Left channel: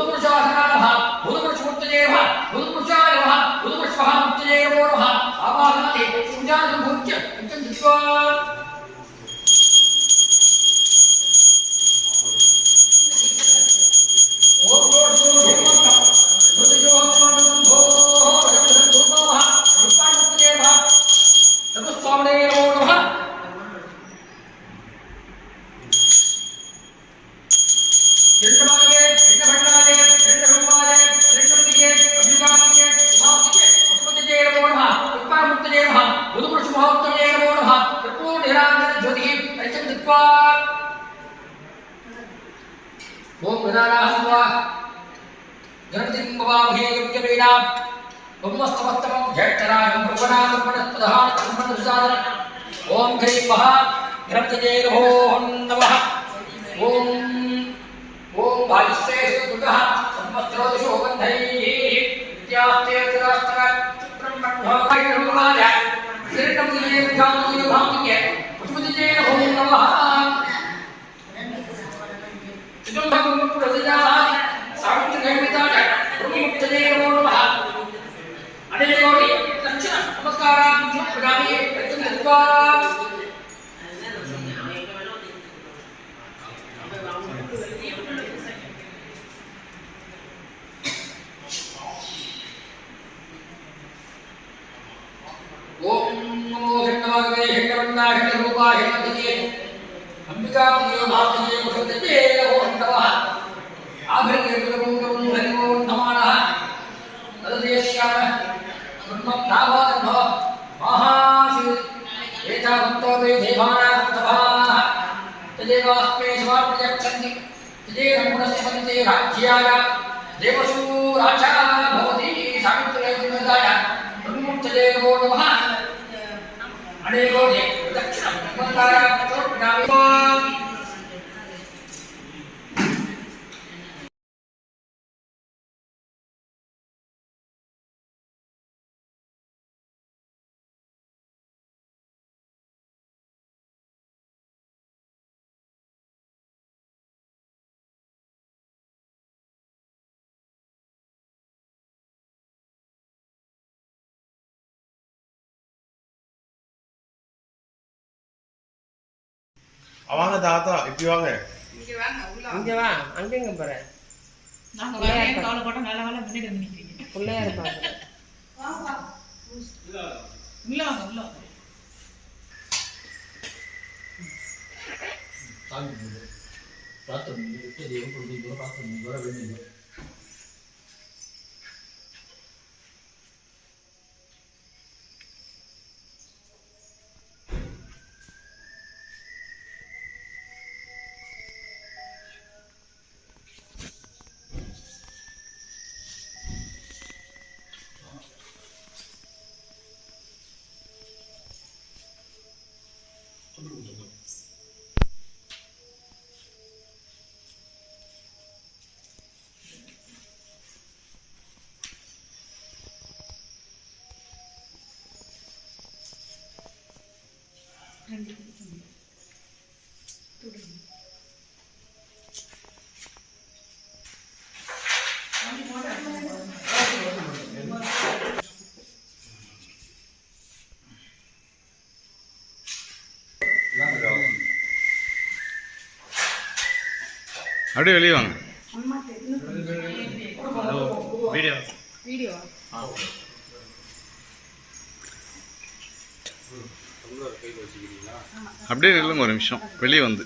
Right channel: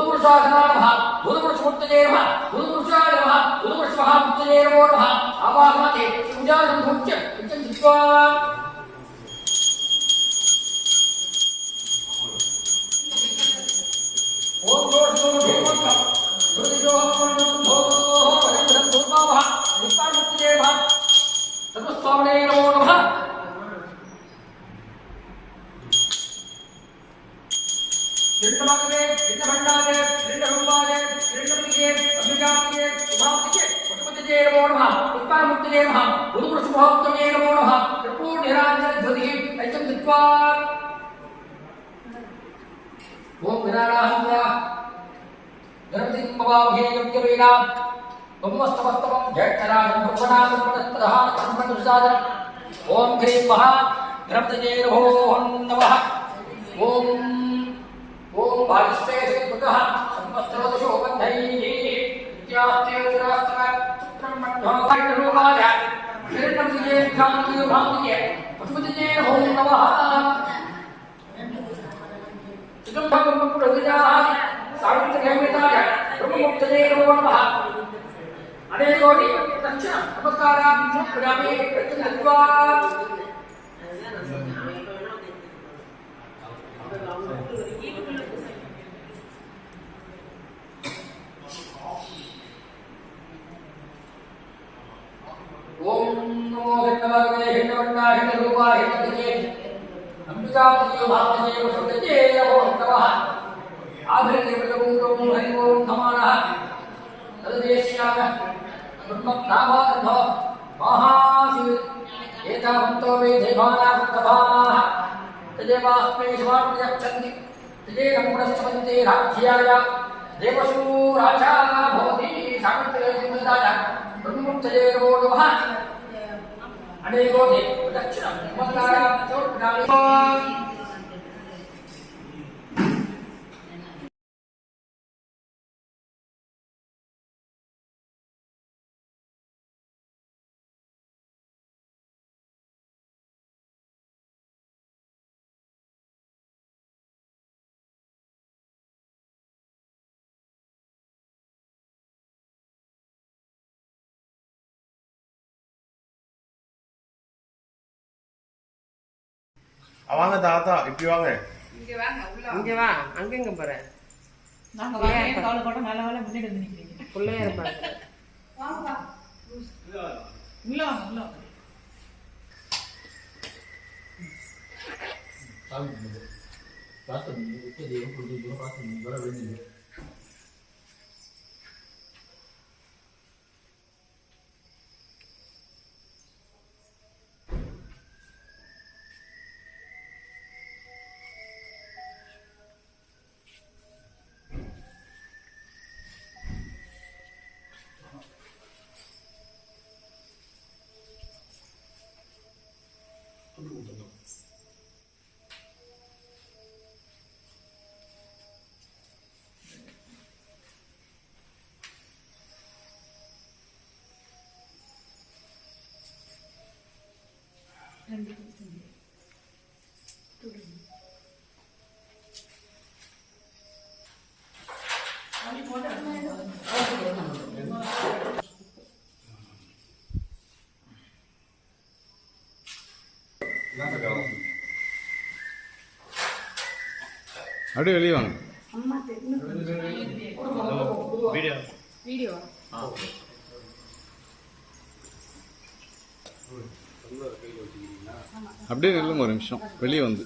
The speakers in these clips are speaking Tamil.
बुधपुरुषासनाय नमः बुधपुरुषमूर्तये नमः बुधपुरुषाय नमः बुधपुरुषमहामूर्तये नमो नमः आवाहनाते पूजां भुज्य उच्चं दृष्ट्वा ओम दोषो देवता हृदयो मनोबो वरं दुर्गावः रूपामूर्तये नमः तपस्वामने नमो नमः चिंतमागे चिंतभंडारे चिंतरूपाये चिंतमतिये अभिगामिये उभावतिये पशुपतिये नमो नमः रूपामूर्तये नमः बुधपुरुषमहोत्तमे नमो नमः त्रिपुरनिराञ्जन ज्योतिः ऐचं दत्वा ओम गणानाहं वा गणपतिं भवामहे योग्यवेना ब्रह्मस्तवत्तमं जयतरायं ब्रह्मणां ब्रह्मणस्पदहां ब्रह्मणुसादनं ओम ह्रीं महा गणपतये नमः ओम ओम भाविस्तेजोतः संवत्सरोदिशो बन्धैः विद्यास्ते तिरास्तर ब्रह्मण्योकायरूपाय हिरण्यमये विद्यामये भामिये पशुपतिये नमः चिदंबरं प्रतिजाय सावित्रीदेवताय ब्रह्ममुक्तये नमो नमः अनेकोटि दक्षिण नमस्कारां समर्पयामि प्रत्यक्त्वा ओम नमो घटनागवे घटवन्नाय घटरूपाय घटपतिये अंबिकापतिये भावतिये पशुपतिये नमो नमः आभृतगुरुगुरुं हरिवो नमः तददेश्याय ब्रह्मप्रावान्धो महासि एतावन्तो वे देवानां तदेवास्मे समाप्यक्षन्ति तदेरङ्गुणस्पतिते राज्याय देवसू राजा भवति सावित्रीदेवताय ब्रह्ममुक्तये नमो नमः अनेकोटि दक्षिणं नमस्कारां समर्पयामि அவங்க தாத்தா இப்படி வாங்க இங்க வாங்க உள்ள இங்க வா அங்க எங்க போற நாங்க வரேன் கால போட்ட நல்ல வேலை முன்னாடி வந்து நிக்கிறீங்க புள்ளையா இருப்பாங்க வாங்க வா உள்ள வாங்க உள்ள வாங்க சாமி தாத்தா விட்டு தேவ புரிஞ்சு பார்த்து வர வேண்டியது அப்படியே வெளியே வாங்க வீடியோ வீடியோ அப்படியே நில்லுங்க ஒரு நிமிஷம் வெளியே வந்து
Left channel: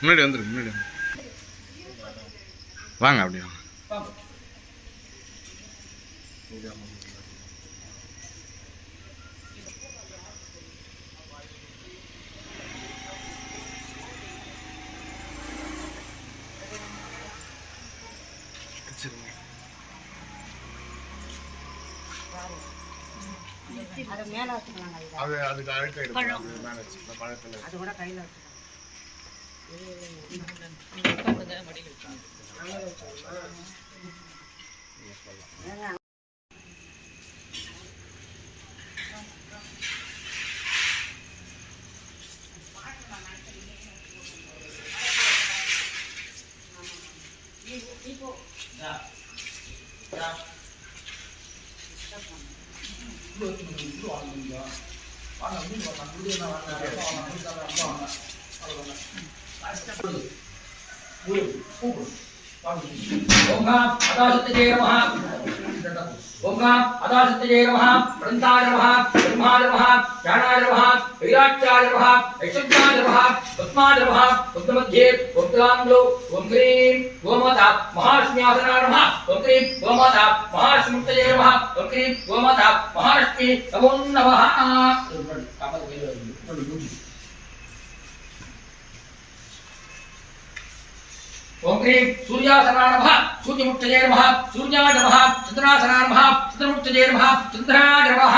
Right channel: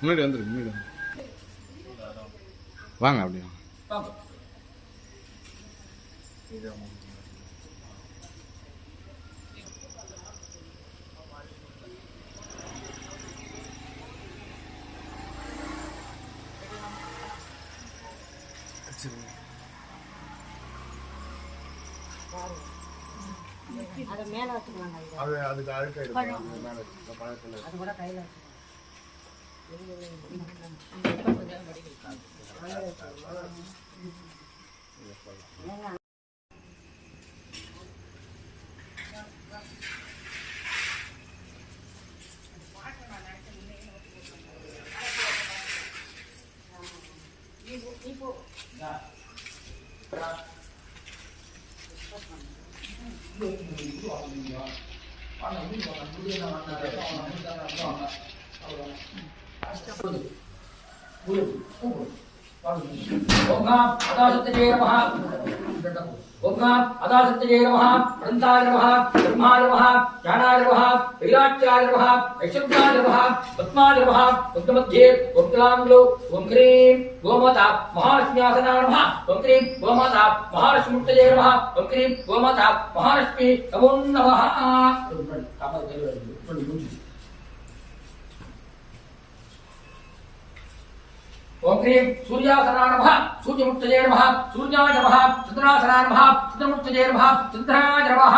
முன்னாடி வந்துருக்கு முன்னாடி வந்து வாங்க அப்படியே வாங்க அத மேல வச்சுக்கலாம் அது அதுக்கு அழுக்காயிடும் மேலே வச்சு பழத்தில் அது கூட கையில வச்சு ओम अदासत्ये नमः ओम अदासत्ये नमः अनंताय नमः ब्रह्माय नमः ज्ञानाय नमः वैराग्याय नमः ऐश्वर्याय नमः पद्माय नमः पद्ममध्ये ओम तलांगलो ओम क्रीं गोमाता महालक्ष्म्यासनाय नमः ओम क्रीं गोमाता महालक्ष्मीमुक्तये नमः ओम क्रीं गोमाता महालक्ष्मी नमो नमः ओम क्रीं सूर्यासनाय नमः सूर्यमुक्तये नमः सूर्याय नमः चंद्रासनाय नमः चंद्रमुक्तये नमः चंद्राय नमः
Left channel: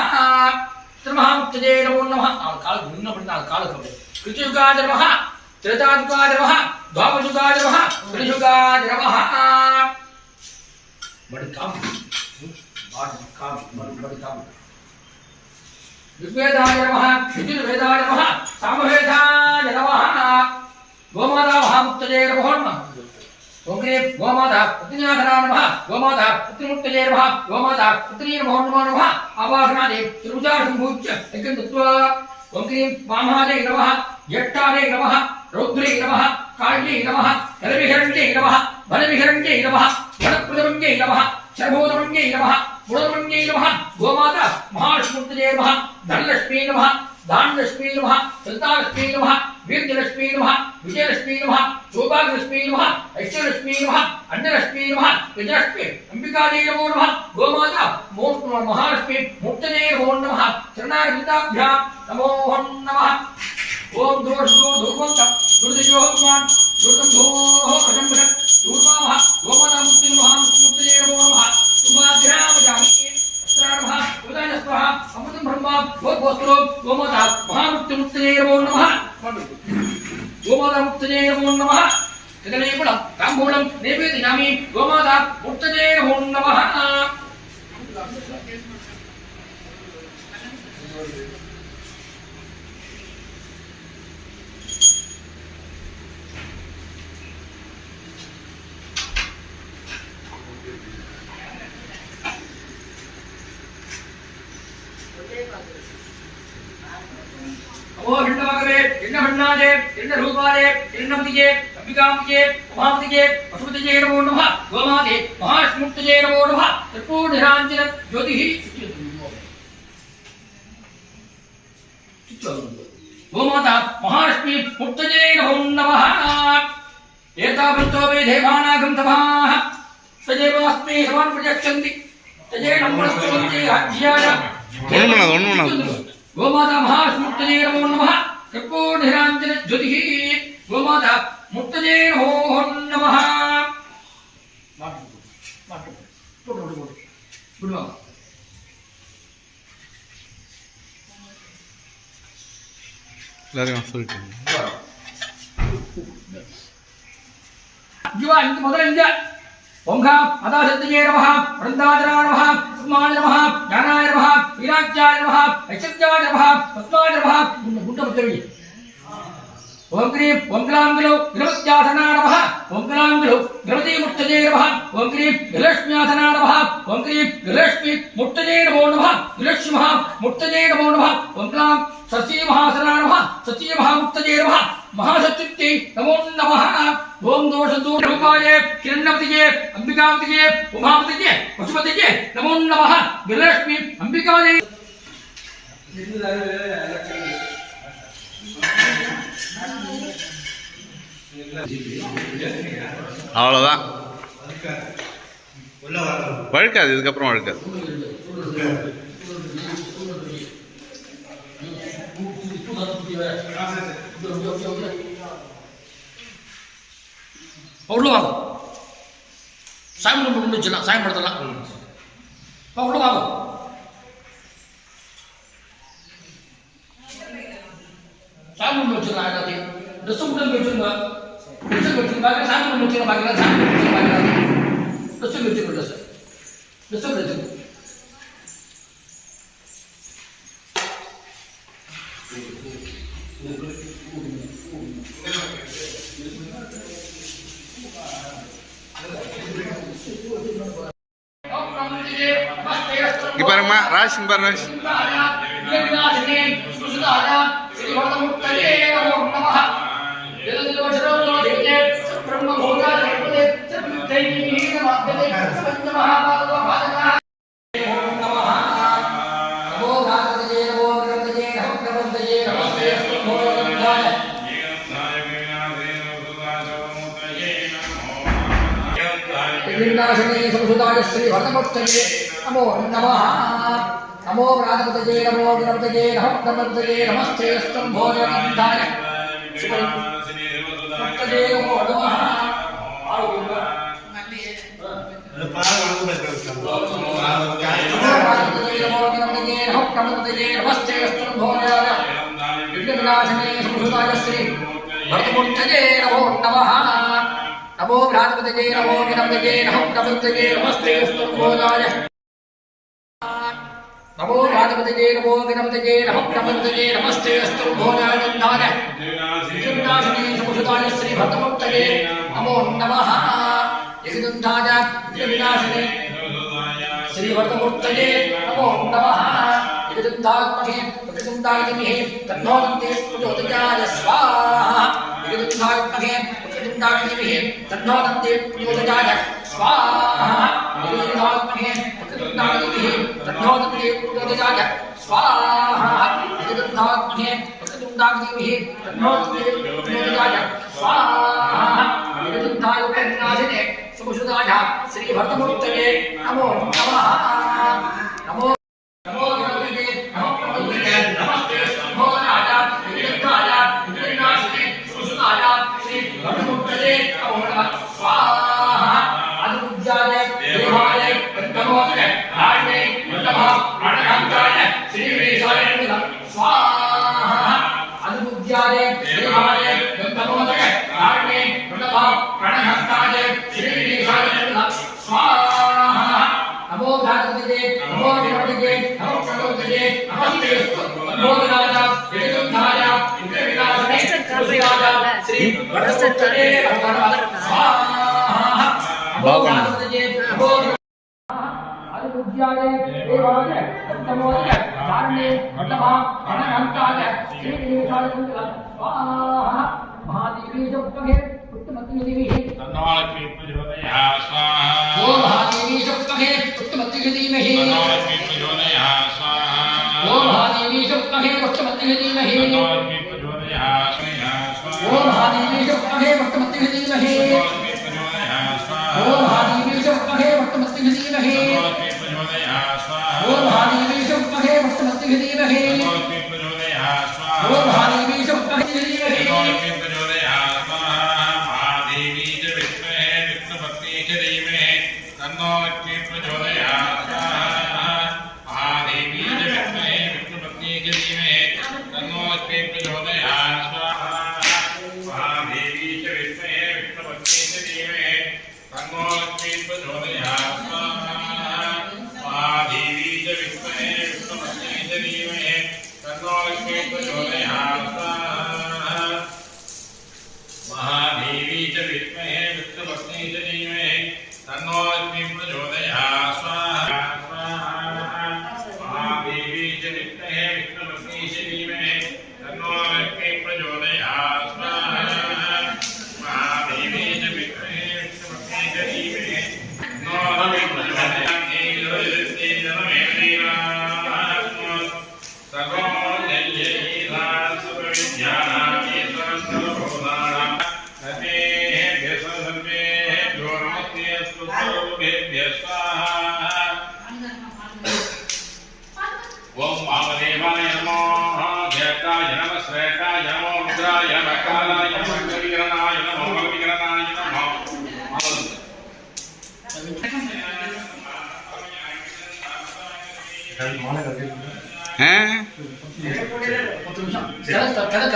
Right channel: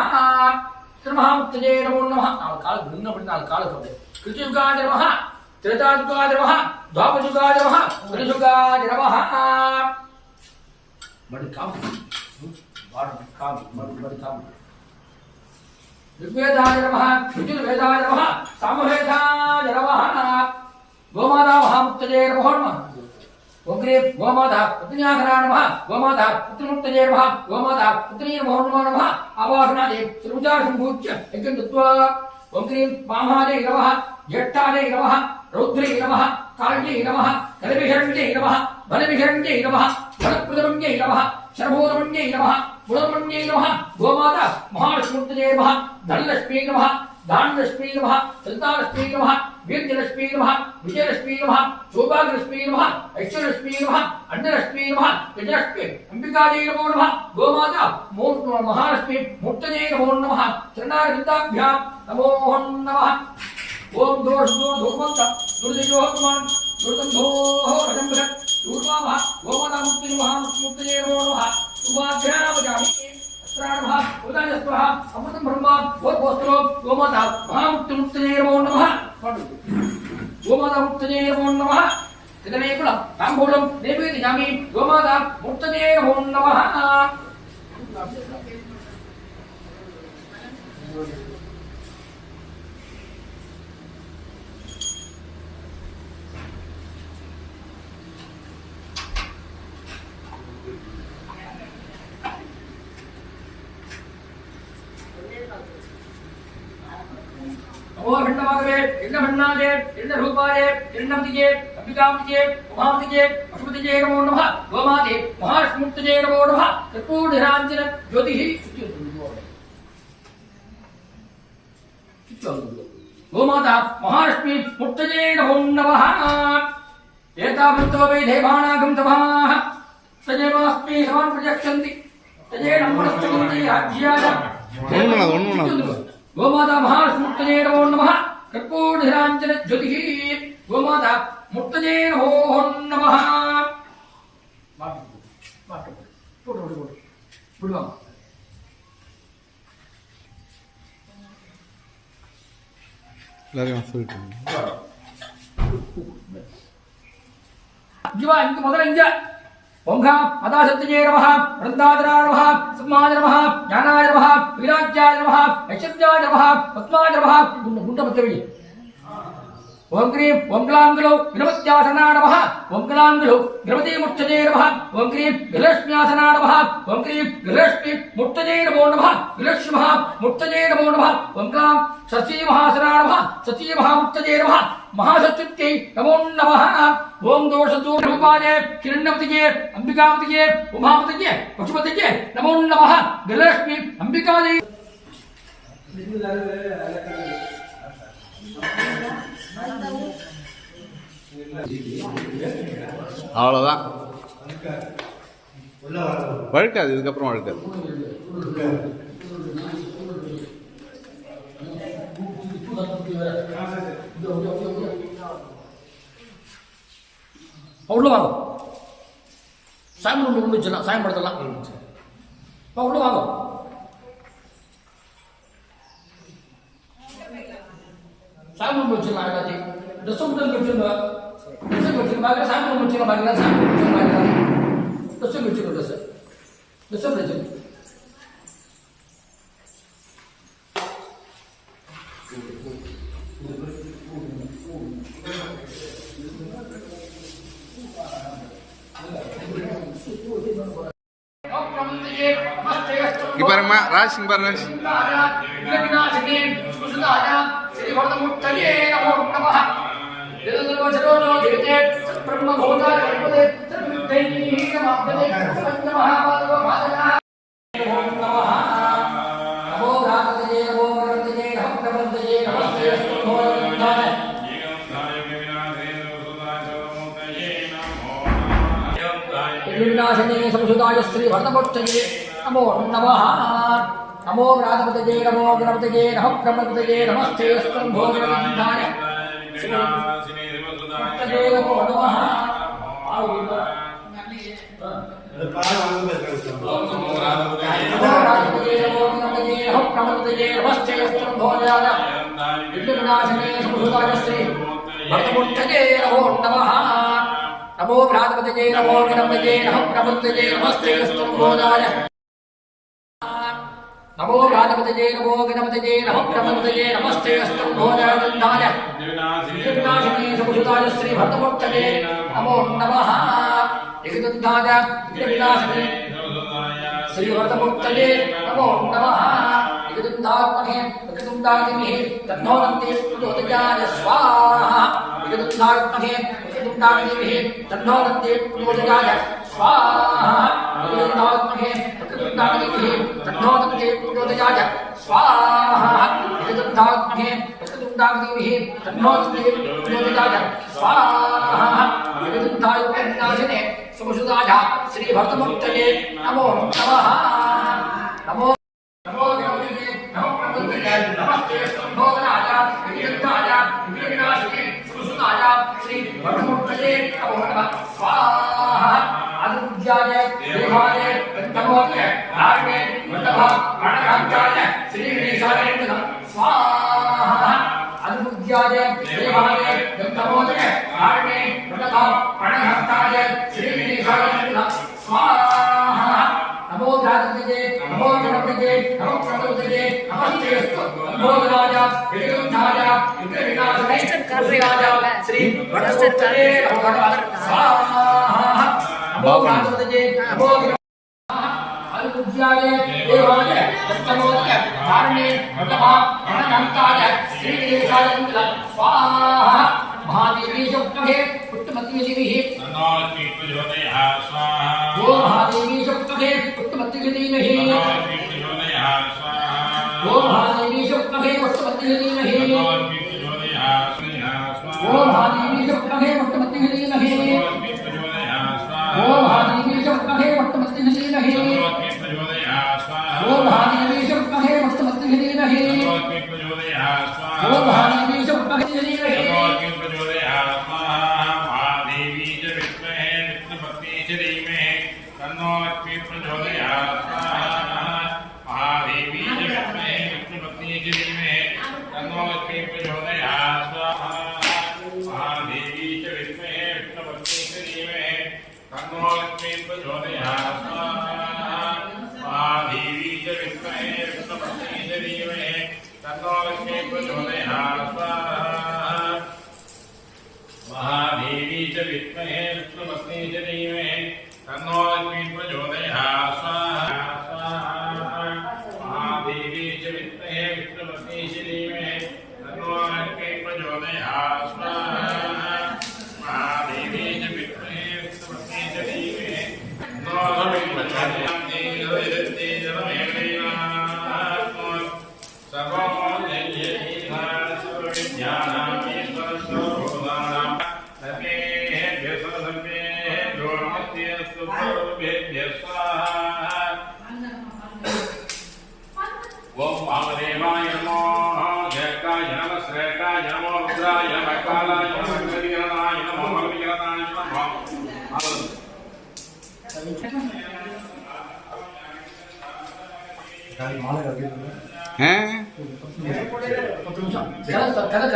चंद्रमहामुक्तये नमो नमः काल घूमना पड़ता है काल कब कृतयुगाय नमः त्रेतायुगाय नमः द्वापरयुगाय नमः त्रियुगाय नमः बड़ी काम बड़ी काम ऋग्वेदाय नमः यजुर्वेदाय नमः सामवेदाय नमः गोमाता महामुक्तये नमो नमः ओम क्रीं गोमाता पुत्न्यासनाय नमः गोमाता पुत्रिमुक्तये नमः गोमाता पुत्री नमो नमः आवाहनादि त्रिभुजाशंभूज्य यज्ञं दत्त्वा ओम क्रीं वामादे नमः ज्येष्ठादे नमः रौद्रे नमः काल्ये नमः कलविहरण्ये नमः बलविहरण्ये नमः बलप्रदमन्ये नमः शर्भोदमन्ये नमः गुणमन्ये नमः गोमाता महालक्ष्मीमुक्तये नमः धनलक्ष्मी नमः दानलक्ष्मी नमः सन्तानलक्ष्मी नमः वीर्यलक्ष्मी नमः विजयलक्ष्मी नमः सौभाग्यलक्ष्मी नमः ऐश्वर्यलक्ष्मी नमः अन्नलक्ष्मी नमः गजलक्ष्मी अंबिकादेवी नमो नमः गोमाता महालक्ष्मी मुक्तये नमो नमः चरणारविन्दाभ्यां नमो नमः ओम दोषदोर्धूर्वन्तं दुर्दयोहत्मान् दुर्गन्धोः रजम्बरत् दूर्वामः गोमाता मुक्तये नमो नमः सुभाग्रामजामि अस्त्राणमः उदयस्वः अमृतं ब्रह्मा भोस्वरो गोमाता महामुक्तये नमो नमः गोमाता मुक्तये नमो नमः जगनेपलं ताम्बूलं नैवेदयामि गोमाता मुक्तये नमो नमः ओ भिन्नमागवे भिन्नभिन्नाजे भिन्नरूपाजे भिन्नमतिजे अंबिकाम्बिके उमाम्बिके पशुपतिजे नमो नमः गोमाते महालक्ष्मीमुक्तये नमो नमः त्रिपुरनिराञ्जन ज्योतिः गोमाता महालक्ष्मी मुक्तये नमो नमः एतावन्तो वै देवानागं तवाः सजेवास्मि समान् प्रजक्षन्ति तजे नमस्तुते राज्याय गोमाता महालक्ष्मीमुक्तये नमो नमः कर्पूरनिराञ्जन ज्योतिः गोमाता मुक्तये नमो नमः எல்லாரும் சொல்லிட்டேன் जीवा इंत ಮೊದಲ ಇಂಜ ओंघा अदासत्ये नमः वृंदादराय नमः सम्माय नमः ज्ञानाय नमः विराज्याय नमः ऐश्वर्याय नमः पद्माय नमः गुंड मुद्रवी ओम क्रीं ओम क्लांगलो विरमत्यासनाय नमः ओम क्लांगलो विरमति मुक्तये नमः ओम क्रीं विलक्ष्म्यासनाय नमः ओम क्रीं विलक्ष्मी मुक्तये नमो नमः विलक्ष्मी महा मुक्तये नमो नमः ओम क्लां सची महासनाय नमः सची महामुक्तये नमः महासत्युक्ते नमो नमः ओम दोषदूरूपाय किरणमतिये अंबिकामतिये उमामतिये पशुपतिये नमो नमः विलक्ष्मी अंबिकादेवी அவ்வளோதான் வழுக்காது இதுக்கப்புறம் வழுக்காது அவ்வளோவாங்க சாமி கொண்டு வச்சுலாம் சாமி படத்தெல்லாம் அவ்வளோவாங்க சாமி கொண்டு வச்சுருந்தா எல்லாத்தையும் ட்ரெஸ்ஸு கொண்டு வச்சுருந்தா ட்ரெஸ்ஸு வச்சுருந்தாங்க சாமி கொண்டு வச்சுருந்தா பாக்கிலாம் சாமி கொண்டு வச்சுருந்தாங்க ட்ரெஸ்ஸு வச்சுருக்கோம் ட்ரெஸ்ஸு வச்சுருக்கோம் இங்க பாருங்கம்மா ராசி இங்க பாரு ராசி विनाशने संसुताय श्री भरतमुत्तये नमो नमः नमो व्रातपतये नमो गणपतये नमः ब्रह्मपतये नमस्ते स्तंभोधनन्दाय श्री मुत्तये नमो नमः नमस्ते स्तंभोधनाय विनाशने संसुताय श्री भरतमुत्तये नमो नमः नमो भ्रातपतये नमो गणपतये नमः ब्रह्मपतये नमस्ते स्तंभोधनाय नमो भ्रातपतये नमो गणपतये नमः ब्रह्मपतये नमस्ते स्तंभोधनाय विनाशने संसुताय श्री भरतमुत्तये नमो नमः एकदन्ताय विनाशने श्री भरतमुत्तये नमो नमः एकदन्तात्मने एकदन्तादिमहे तन्नोदन्ते प्रचोदयाय स्वाहा एकदन्तात्मने एकदन्तादिमहे तन्नोदन्ते प्रचोदयाय स्वाहा एकदन्तात्मने एकदन्तादिमहे तन्नोदन्ते प्रचोदयाय स्वाहा एकदन्तात्मने एकदन्तादिमहे तन्नोदन्ते प्रचोदयाय स्वाहा एकदन्ताय विनाशने संसुताय श्री भरतमुत्तये नमो नमः नमो नमो गणपतये नमो ब्रह्मपतये नमस्ते स्तंभोधनाय एकदन्ताय विनाशने संसुताय श्री भरतमुत्तये नमो नमः स्वाहा अनुपूज्याय देवाय पंचमोदय नारायणे वल्लभ प्रणकांताय श्री गणेशाय नमः स्वाहा अनुपूज्याय देवाय पंचमोदय नारायणे वल्लभ प्रणकांताय श्री गणेशाय नमः स्वाहा नमो भ्रातपतये नमो गणपतये नमो ब्रह्मपतये नमस्ते स्तंभोधनाय एकदन्ताय विनाशने संसुताय श्री भरतमुत्तये नमो नमः स्वाहा नमो भ्रातपतये नमो अनुपूज्याय देवाय पंचमोदय नारायणे वल्लभ प्रणकांताय श्री गणेशाय नमः स्वाहा महादेवी शुक्लहे पुत्रमतीदेवी तन्नोऽस्मि प्रचोदयात् स्वाहा ओ महादेवी शुक्लहे पुत्रमतीदेवी तन्नोऽस्मि प्रचोदयात् स्वाहा ओ महादेवी शुक्लहे पुत्रमतीदेवी तन्नोऽस्मि प्रचोदयात् स्वाहा ओ महादेवी शुक्लहे पुत्रमतीदेवी ओ महादेवी शुक्लहे पुत्रमतीदेवी ओ महादेवी शुक्लहे पुत्रमतीदेवी ओ महादेवी शुक्लहे महादेवी च विद्महे विष्णुपत्नी च धीमहि तन्नोऽस्मि प्रचोदयात् स्वाहा महादेवी च विद्महे विष्णुपत्नी च धीमहि तन्नोऽस्मि प्रचोदयात् स्वाहा महादेवी च विद्महे विष्णुपत्नी च धीमहि तन्नोऽस्मि प्रचोदयात् स्वाहा महादेवी च विद्महे विष्णुपत्नी च धीमहि तन्नोऽस्मि प्रचोदयात् स्वाहा महादेवी च विद्महे विष्णुपत्नी च धीमहि तन्नोऽस्मि प्रचोदयात् स्वाहा महादेवी च विद्महे विष्णुपत्नी च धीमहि तन्नोऽस्मि प्रचोदयात् स्वाहा महादेवी च विद्महे विष्णुपत्नी च धीमहि तन्नोऽस्मि प्रचोदयात् ओम वामदेवाय नमो जयकाय नमः श्रेष्ठाय नमो रुद्राय नमः कालाय नमः कविकरणाय नमो कविकरणाय नमः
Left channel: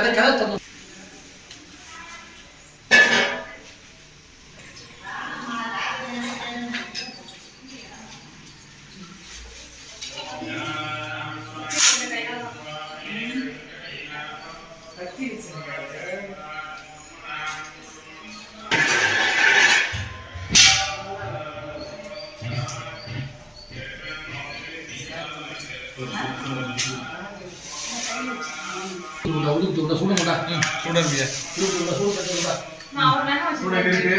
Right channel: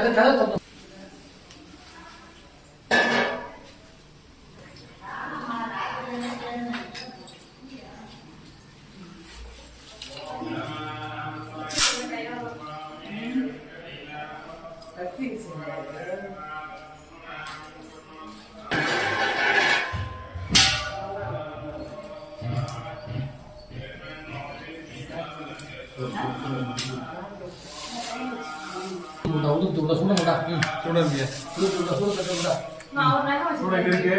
कदा உடுத்து விட சூடா சூடன்பியா சூடு நான் ஒரு நேரம் சூடா இருக்கு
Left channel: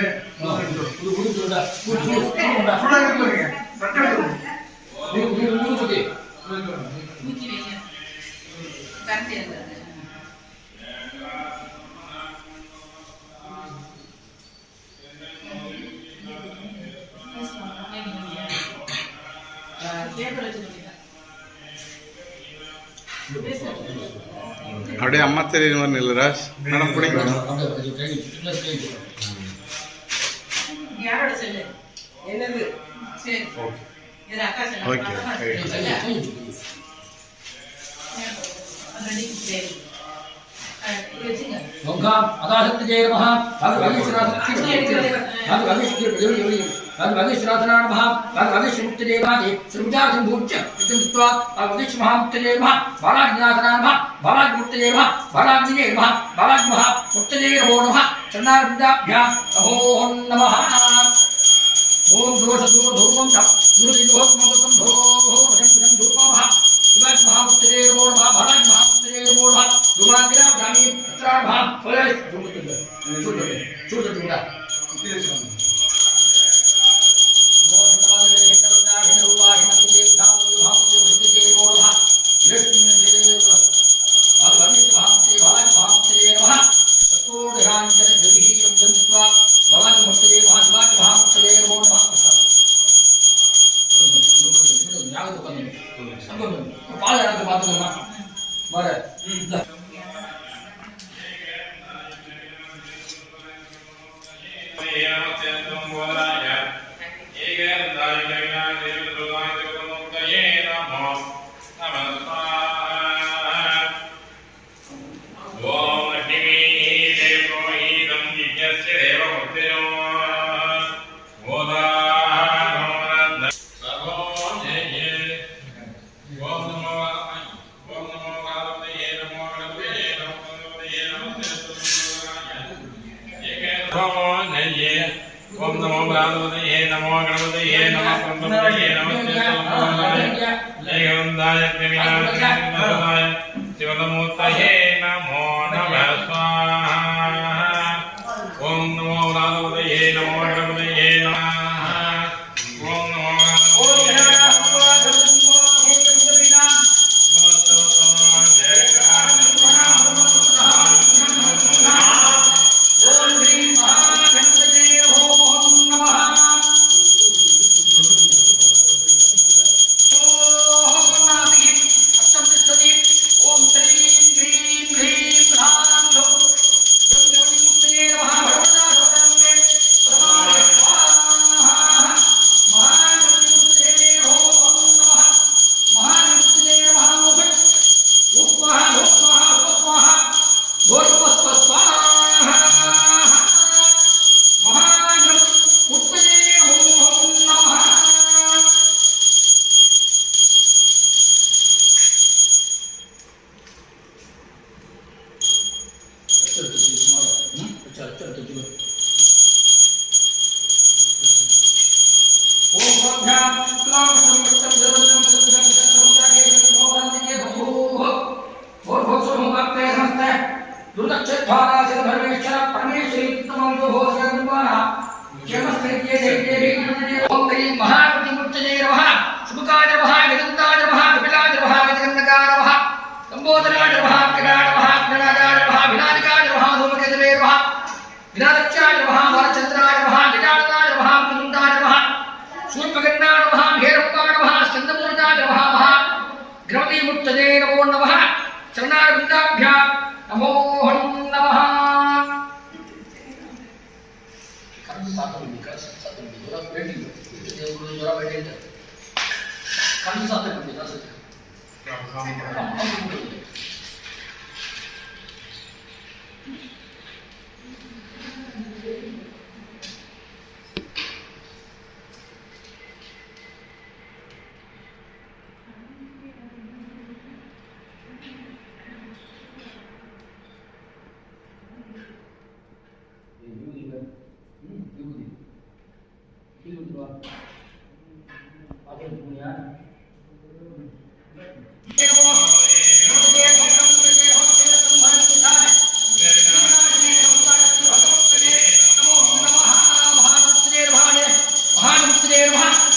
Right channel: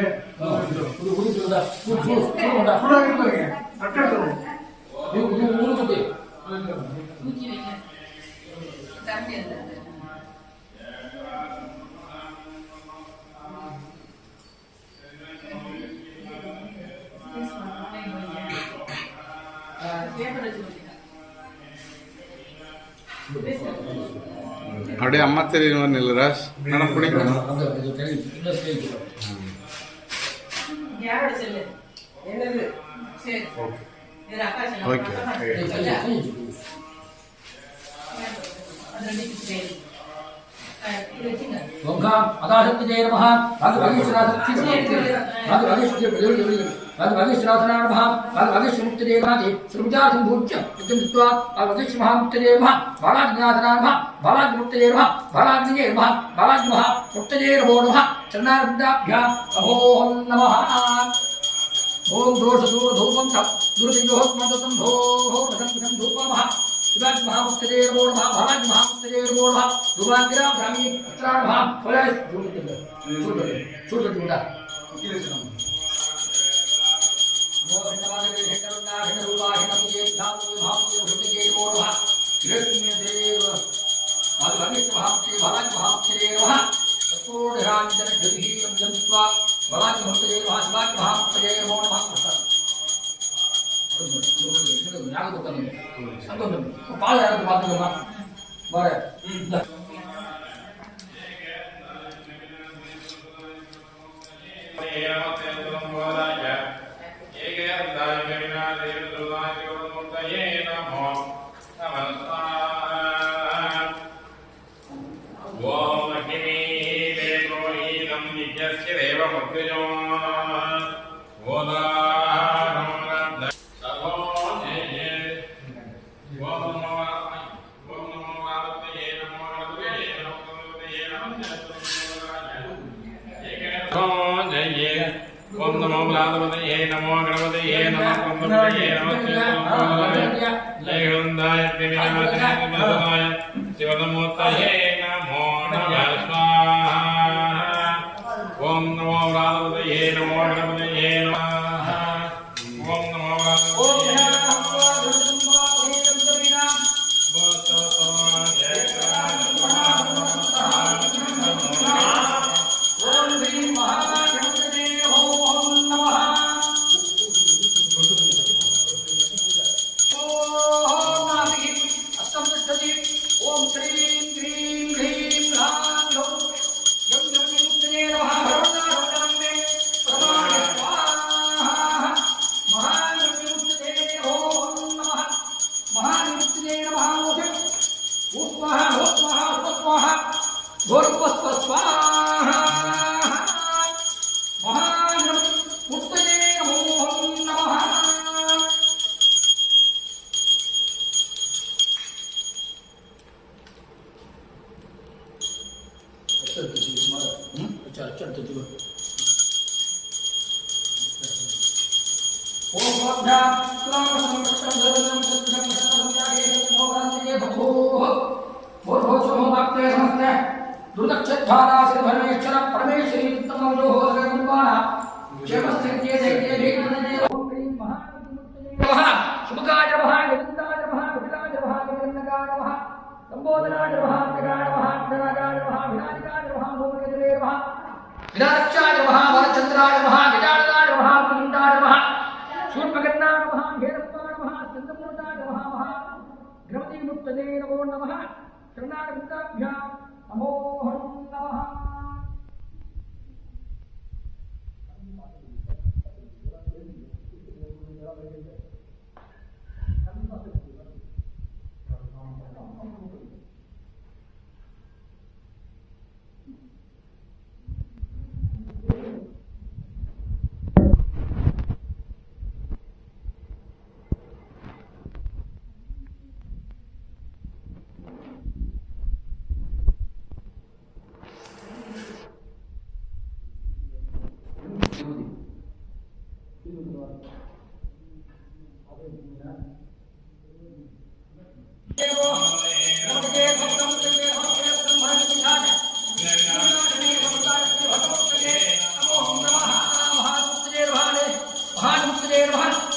உடுத்து விட சூடா சூடா இருக்கு தட்டு எடுத்து ஊத்தி வைங்க கரண்டி அந்த கேபிள் வச்சு கொடுங்க அப்படியே அம்மா தெரியுற மாதிரி நில்லு ராஜ் மேடம் பிடிக்கும் யாரோட செல்லு என்னது சரி ஓகே இது அக்கா செல்லு ஓகே அது ரெண்டு சரி இது வச்சுங்க ஓங்காம் அதாசக்திஜே நமஹ भगवतीश्वराधनाय नमः भगवतीश्वरमुक्तये नमः श्रीमुजासंभूच्य विद्युत्वा भगवतीश्वरमुक्तये नमः बालाज्ञानाय नमः बालाज्ञमुक्तये नमः बालाज्ञये नमः बालाज्ञमुक्तये नमो नमः चरणारविन्दाभ्याम् अहो नमः ओम दोषदूरधूपं तप दुर्दिदोहत्मदतं धोः वशं धूपमः शिवाज महामुक्तये नमो नमः बालाज महामुक्तये नमो नमः दुर्वाग्राम ग्रामी पुत्राणः फलय चूड़ ओम नमो भगवते नमो गणपते नमः कुंभपते नमः जयगंधाय विनाशाय शिवनमूर्तये नमो नमः स्वाहा ओम नमो भगवते नमो गणपते नमः ओम नमो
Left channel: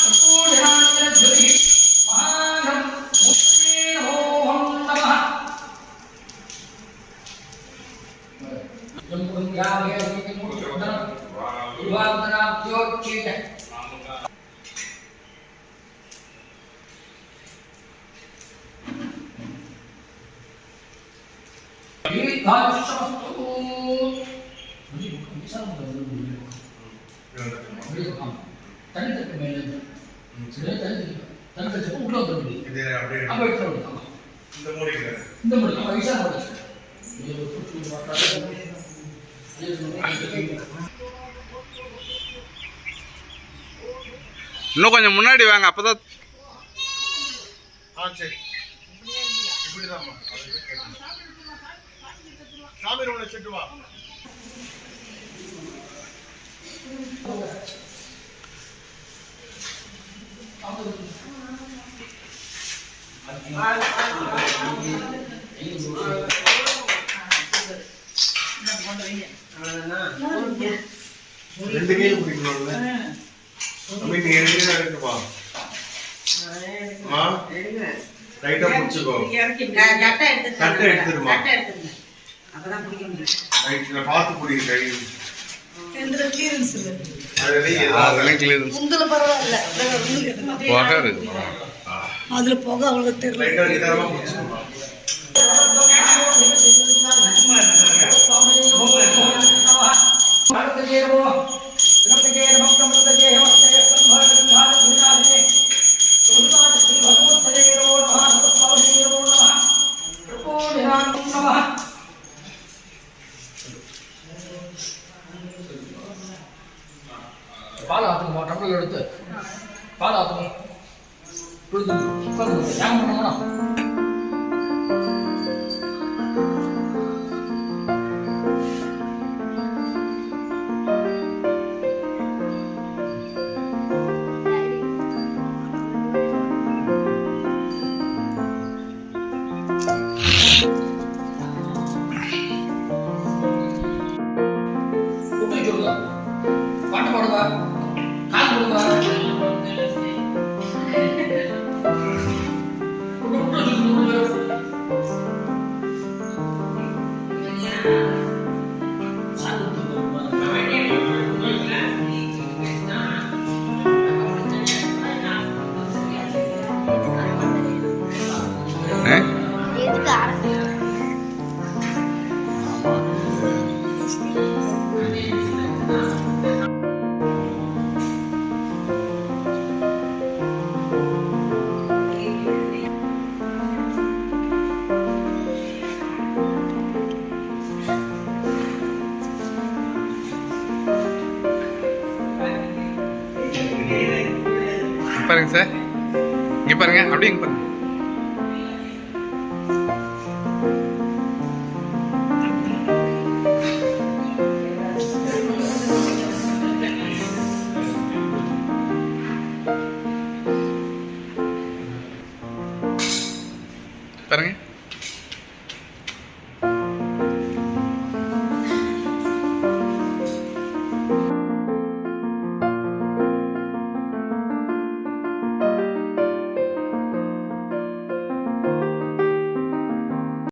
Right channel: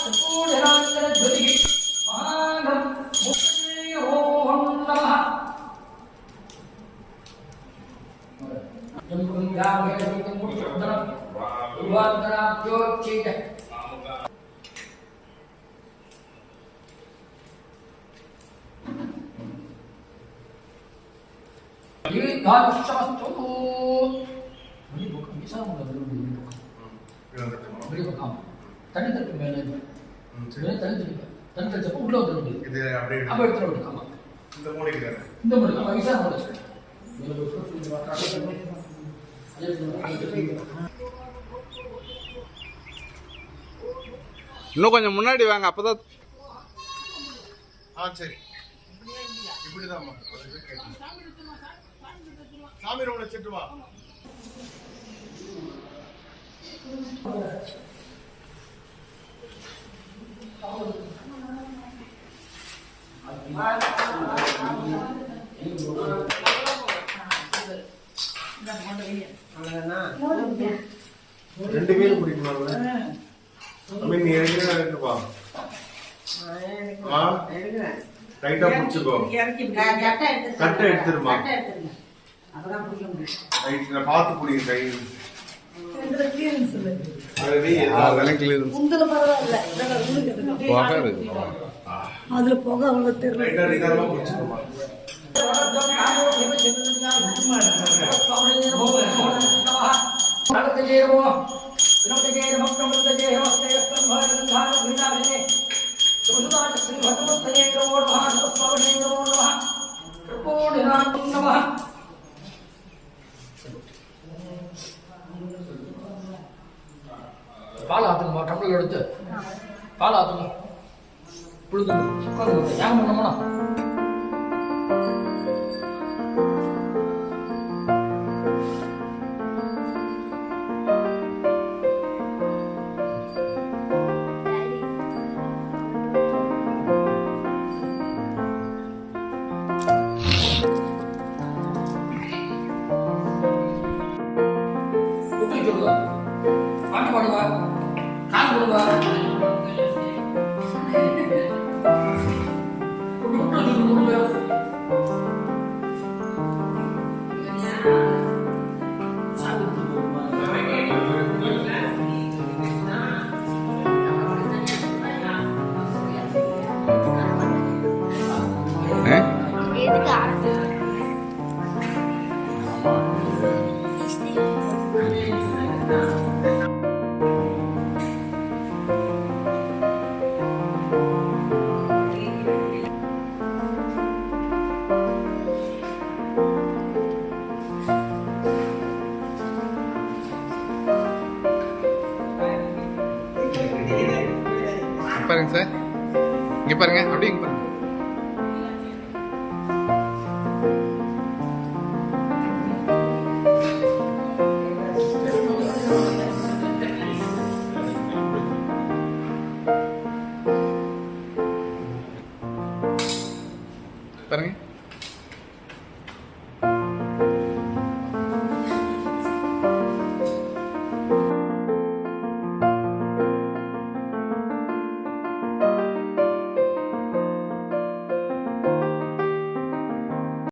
त्रिपुरनिराञ्जन ज्योतिः महानं मुक्तये ओम नमः जम्बुंगावे मुक्तदर उद्वादना ज्योतिः दीर्घायुष्यमस्तु मुझे भूख हमेशा होता है मेरे को काम तनी तक मैंने तनी तक उल्लो दो இது அப்படியே अब इतना उल्लो இந்த மூடிக்கு இந்த मुझे हमेशा होता है ये लोग कुछ भी बात करते हैं இன்னும் கொஞ்சம் முன்னாடி வாங்க அப்பதான் சரி இப்படிதாம்மா சாமி ரூம்ல செட்டு வா ரெண்டு கையில பிடிக்கணும்ல அம்மா நீ ரெண்டு கையில எடுத்து வா ரைட்டா பிடிச்சுக்கோ கட்டை எடுத்துருமா அப்பதான் பிடிக்க முடியும் ரைட் நான் பார்த்து பிடிக்க கை கிளியரன்ஸ் இல்லை அதெல்லாம் கிளியரன்ஸ் உங்களை பரவாயில்ல புகை இருக்கு அதுல போக அவங்களுக்கு தெரியல ரைட்டா நிதானமா பிடிச்சுக்கோமா பால் ஆத்துங்கம்மா டப்பில் எடுத்து பால் ஆத்துங்க புழுது ஏன் பண்ணணும்னா சொல்லுங்க பாட்டு பாடுங்க காசு கொடுங்க பாருங்க சார் இங்க பாருங்க அப்படியே இங்க பாருங்க பாருங்க